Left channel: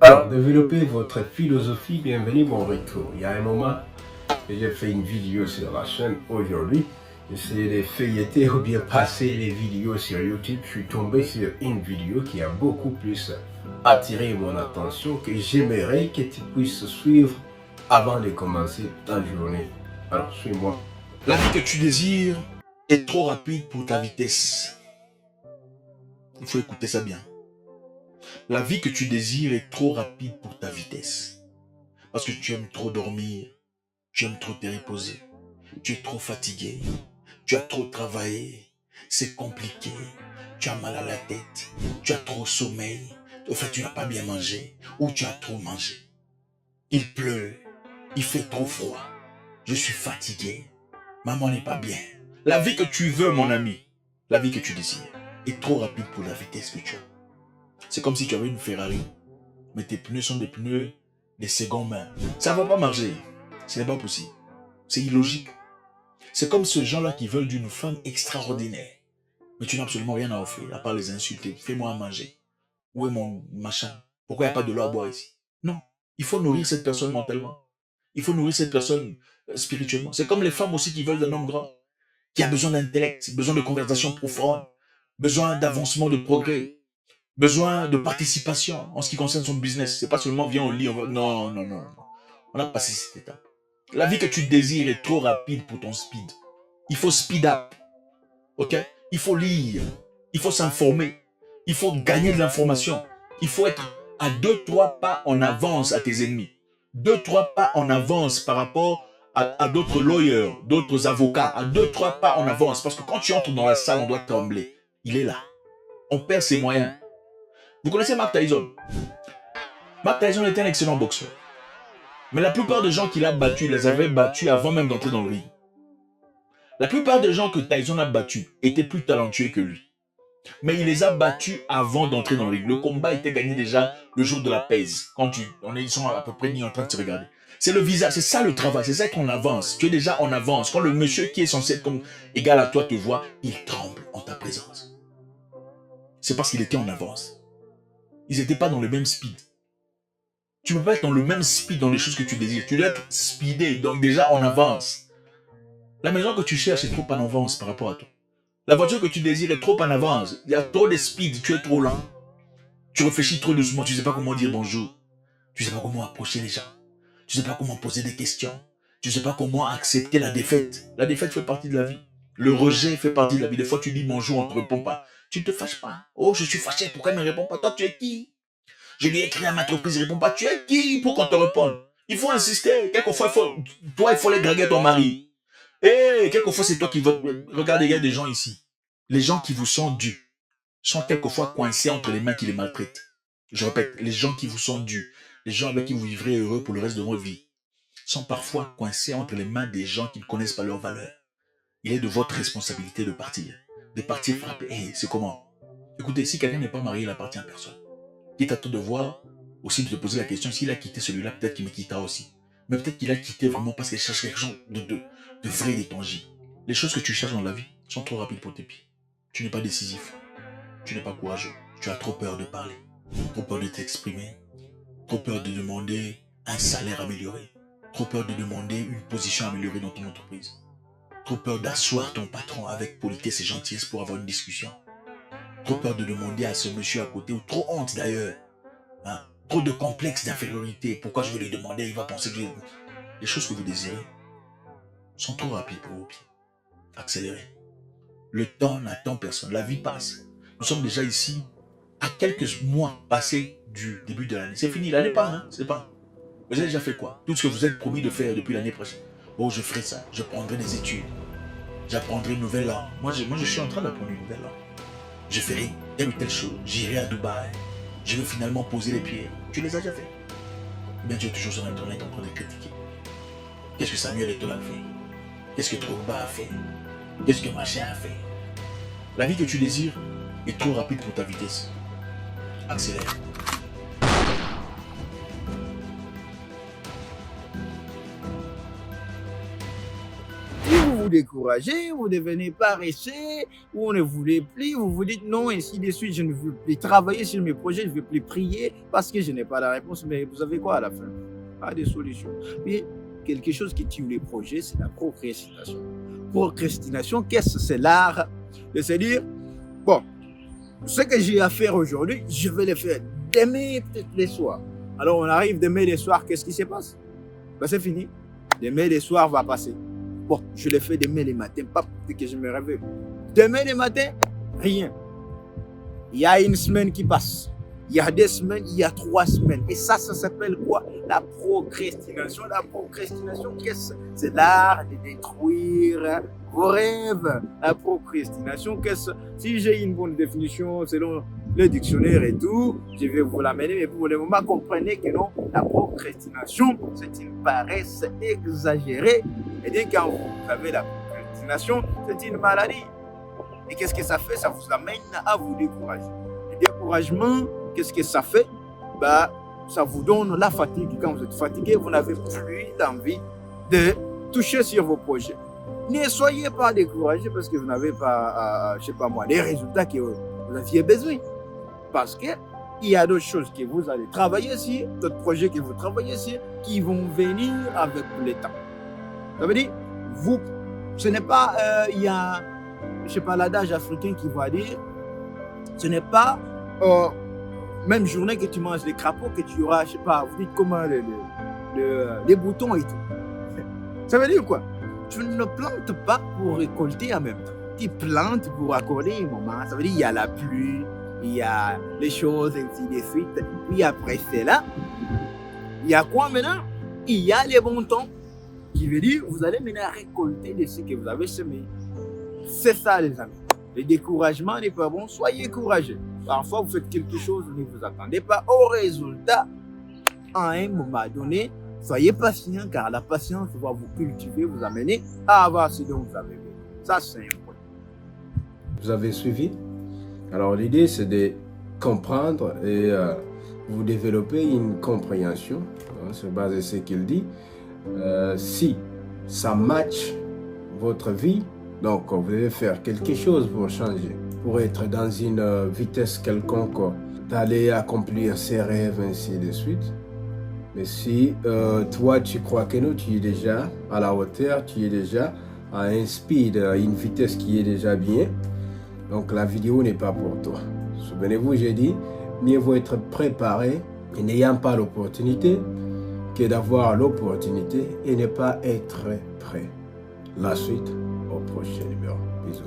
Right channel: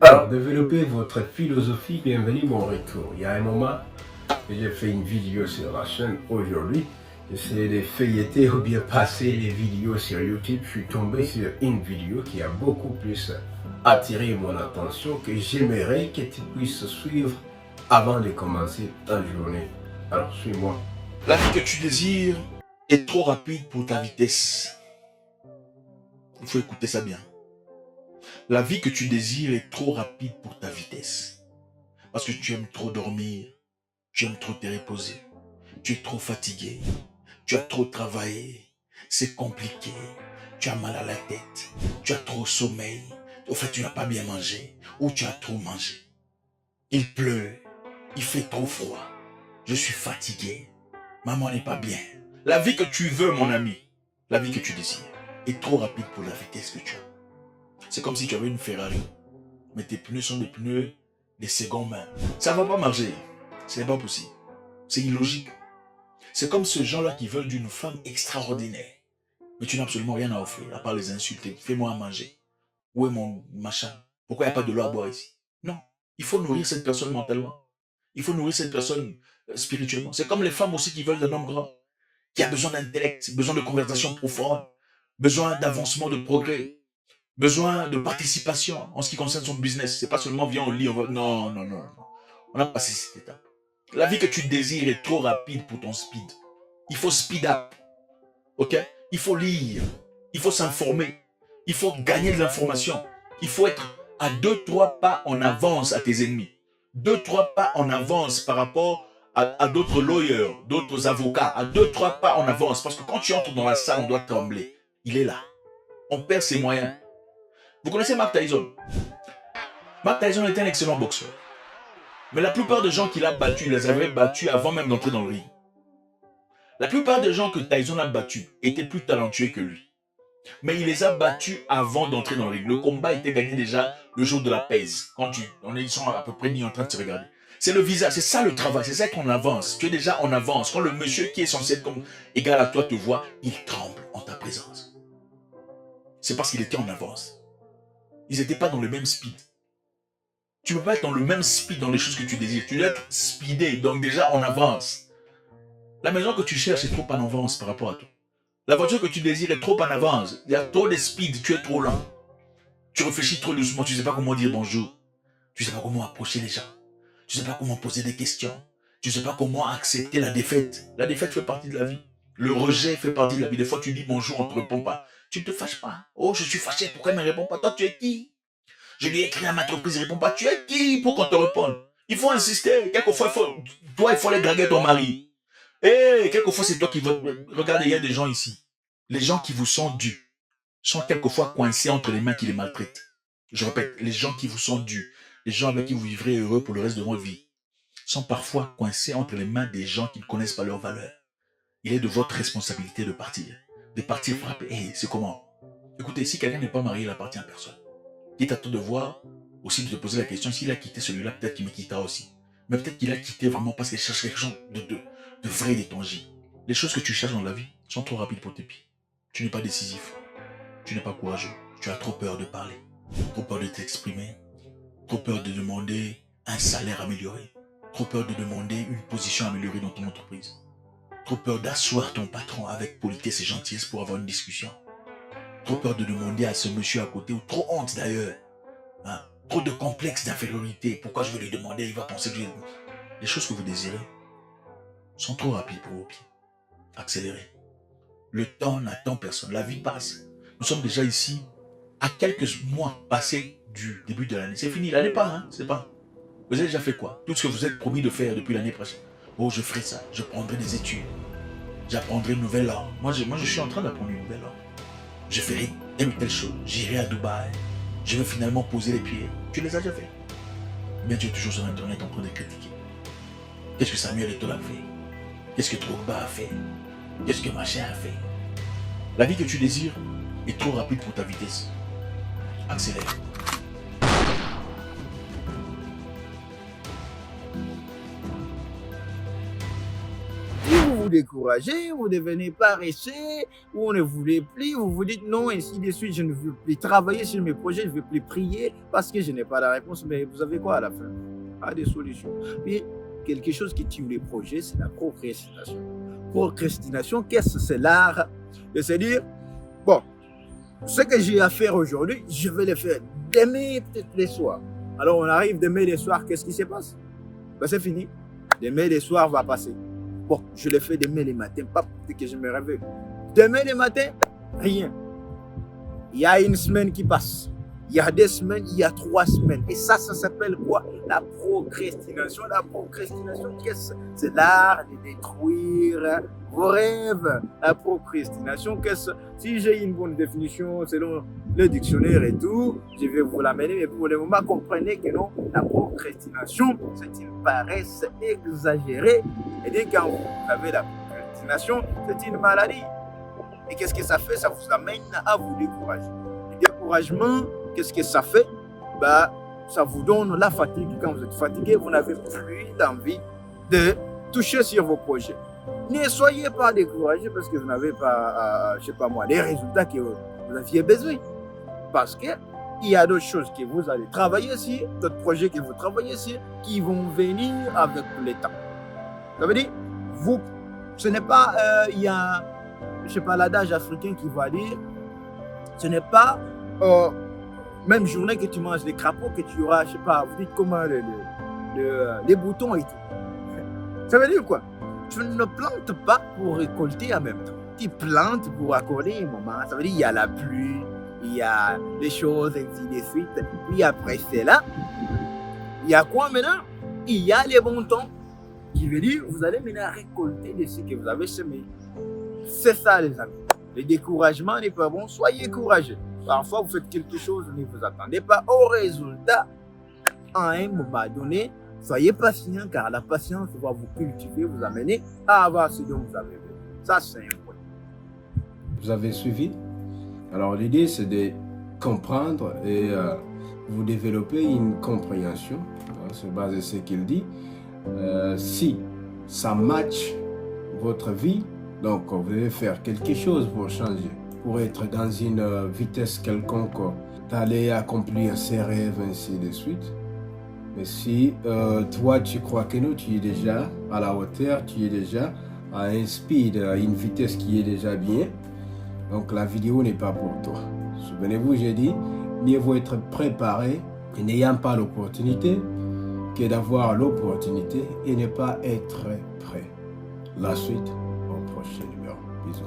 Alors, développez votre philosophie, bienvenue, bon retour. Il y a un moment que j'ai fait une vidéo sur la chaîne aujourd'hui. J'essayais de feuilleter ou bien passer les vidéos sur YouTube. Je suis tombé sur une vidéo qui a beaucoup plus attiré mon attention que j'aimerais que tu puisses suivre avant de commencer ta journée. Alors, suis-moi. La vie que tu désires est trop rapide pour ta vitesse. Il faut écouter ça bien. La vie que tu désires est trop rapide pour ta vitesse. Parce que tu aimes trop dormir, tu aimes trop te reposer, tu es trop fatigué, tu as trop travaillé, c'est compliqué, tu as mal à la tête, tu as trop sommeil, au fait tu n'as pas bien mangé ou tu as trop mangé. Il pleut, il fait trop froid, je suis fatigué, maman n'est pas bien. La vie que tu veux, mon ami, la vie que tu désires, est trop rapide pour la vitesse que tu as. C'est comme si tu avais une Ferrari, mais tes pneus sont des pneus de seconde main. Ça ne va pas marcher. Ce n'est pas possible. C'est illogique. C'est comme ce gens-là qui veulent d'une femme extraordinaire, mais tu n'as absolument rien à offrir, à part les insulter. Fais-moi à manger. Où est mon machin? Pourquoi il n'y a pas de l'eau à boire ici? Non. Il faut nourrir cette personne mentalement. Il faut nourrir cette personne spirituellement. C'est comme les femmes aussi qui veulent d'un homme grand, qui a besoin d'intellect, besoin de conversation profonde, besoin d'avancement, de progrès, besoin de participation en ce qui concerne son business. C'est pas seulement viens au lit, on va... Non, non, non, non. On a passé cette étape. La vie que tu désires est trop rapide pour ton speed. Il faut speed up. Ok? Il faut lire. Il faut s'informer. Il faut gagner de l'information. Il faut être à 2-3 pas en avance à tes ennemis. 2-3 pas en avance par rapport à d'autres lawyers, d'autres avocats. À 2-3 pas en avance. Parce que quand tu entres dans la salle, on doit trembler. Il est là. On perd ses moyens. Vous connaissez Mike Tyson? Mike Tyson était un excellent boxeur. Mais la plupart des gens qu'il a battus, il les avait battus avant même d'entrer dans le ring. La plupart des gens que Tyson a battus étaient plus talentueux que lui. Mais il les a battus avant d'entrer dans le ring. Le combat était gagné déjà le jour de la pèse. Quand ils sont à peu près ni en train de se regarder. C'est le visage, c'est ça le travail, c'est ça être en avance. Tu es déjà en avance. Quand le monsieur qui est censé être comme égal à toi te voit, il tremble en ta présence. C'est parce qu'il était en avance. Ils n'étaient pas dans le même speed. Tu ne peux pas être dans le même speed dans les choses que tu désires. Tu dois être speedé, donc déjà en avance. La maison que tu cherches est trop en avance par rapport à toi. La voiture que tu désires est trop en avance. Il y a trop de speed, tu es trop lent. Tu réfléchis trop doucement, tu ne sais pas comment dire bonjour. Tu ne sais pas comment approcher les gens. Tu ne sais pas comment poser des questions. Tu ne sais pas comment accepter la défaite. La défaite fait partie de la vie. Le rejet fait partie de la vie. Des fois, tu dis bonjour, on ne te répond pas. Tu ne te fâches pas. Oh, je suis fâché, pourquoi il ne me répond pas? Toi, tu es qui? Je lui ai écrit à ma entreprise, il ne répond pas. Tu es qui pour qu'on te réponde? Il faut insister. Quelquefois, il faut aller draguer ton mari. Quelquefois, c'est toi qui votes. Regardez, il y a des gens ici. Les gens qui vous sont dus sont quelquefois coincés entre les mains qui les maltraitent. Je répète, les gens qui vous sont dus, les gens avec qui vous vivrez heureux pour le reste de votre vie, sont parfois coincés entre les mains des gens qui ne connaissent pas leur valeur. Il est de votre responsabilité de partir frapper. C'est comment? Écoutez, si quelqu'un n'est pas marié, il n'appartient à personne. Quitte à toi de voir, aussi de te poser la question, s'il a quitté celui-là, peut-être qu'il me quittera aussi. Mais peut-être qu'il a quitté vraiment parce qu'il cherche quelque chose de vrai et de tangible. Les choses que tu cherches dans la vie sont trop rapides pour tes pieds. Tu n'es pas décisif. Tu n'es pas courageux. Tu as trop peur de parler. Trop peur de t'exprimer. Trop peur de demander un salaire amélioré. Trop peur de demander une position améliorée dans ton entreprise. Trop peur d'asseoir ton patron avec politesse et gentillesse pour avoir une discussion. Trop peur de demander à ce monsieur à côté, ou trop honte d'ailleurs. Hein? Trop de complexe d'infériorité. Pourquoi je vais lui demander? Il va penser que je vais... Les choses que vous désirez sont trop rapides pour vos pieds. Accélérez. Le temps n'attend personne. La vie passe. Nous sommes déjà ici à quelques mois passés du début de l'année. C'est fini. L'année part. Hein? C'est pas. Vous avez déjà fait quoi? Tout ce que vous êtes promis de faire depuis l'année prochaine. Oh, je ferai ça. Je prendrai des études. J'apprendrai une nouvelle langue. Moi, je suis en train d'apprendre une nouvelle langue. Je ferai telle ou telle chose. J'irai à Dubaï. Je veux finalement poser les pieds. Tu les as déjà fait? Bien, tu es toujours sur Internet en train de critiquer. Qu'est-ce que Samuel Eto'o a fait? Qu'est-ce que Drogba a fait? Qu'est-ce que machin a fait? La vie que tu désires est trop rapide pour ta vitesse. Accélère. Si vous vous découragez, vous devenez paresseux, ou on ne voulait plus, vous vous dites non, ainsi de suite, je ne veux plus travailler sur mes projets, je ne veux plus prier parce que je n'ai pas la réponse. Mais vous avez quoi à la fin? Pas de solution. Puis, quelque chose qui tue les projets, c'est la procrastination. Procrastination, qu'est-ce que c'est? L'art de se dire, bon, ce que j'ai à faire aujourd'hui, je vais le faire demain, peut-être les soirs. Alors, on arrive demain les soirs, qu'est-ce qui se passe? Ben, c'est fini. Demain les soirs va passer. Bon, je le fais demain les matins, pas pour que je me réveille. Demain les matins, rien. Il y a une semaine qui passe. Il y a 2 semaines, il y a 3 semaines. Et ça s'appelle quoi? La procrastination. La procrastination, qu'est-ce que c'est? C'est l'art de détruire vos rêves. La procrastination, qu'est-ce que c'est? Si j'ai une bonne définition selon le dictionnaire et tout, je vais vous l'amener. Mais pour le moment, comprenez que non, la procrastination, c'est une paresse exagérée. Et bien quand vous avez la procrastination, c'est une maladie. Et qu'est-ce que ça fait? Ça vous amène à vous décourager. Le découragement, qu'est-ce que ça fait? Bah, ça vous donne la fatigue. Quand vous êtes fatigué, vous n'avez plus d'envie de toucher sur vos projets. Ne soyez pas découragés parce que vous n'avez pas, je sais pas moi, les résultats que vous aviez besoin. Parce qu'il y a d'autres choses que vous allez travailler sur, d'autres projets que vous travaillez sur, qui vont venir avec le temps. Ça veut dire, vous, ce n'est pas, il y a, je sais pas, l'adage africain qui va dire, ce n'est pas même journée que tu manges des crapauds que tu auras, je sais pas, vous dites comment les boutons et tout. Ça veut dire quoi? Tu ne plantes pas pour récolter en même temps. Tu plantes pour accorder un moment. Ça veut dire il y a la pluie, il y a les choses, ainsi de suite. Puis après cela, il y a quoi maintenant? Il y a les bons temps. Qui veut dire vous allez maintenant récolter de ce que vous avez semé. C'est ça les amis. Le découragement n'est pas bon. Soyez courageux. Parfois vous faites quelque chose, ne vous attendez pas au résultat à un moment donné. Soyez patient car la patience va vous cultiver, vous amener à avoir ce dont vous avez besoin. Ça c'est un point. Vous avez suivi? Alors l'idée c'est de comprendre et vous développer une compréhension sur base de ce qu'il dit. Si ça match votre vie, donc vous devez faire quelque chose pour changer, pour être dans une vitesse quelconque, d'aller accomplir ses rêves, ainsi de suite. Mais si toi tu crois que non, tu es déjà à la hauteur, tu es déjà à un speed, à une vitesse qui est déjà bien, donc la vidéo n'est pas pour toi. Souvenez-vous, j'ai dit, mieux vaut être préparé et n'ayant pas l'opportunité que d'avoir l'opportunité et ne pas être prêt. La suite au prochain numéro. Bisous.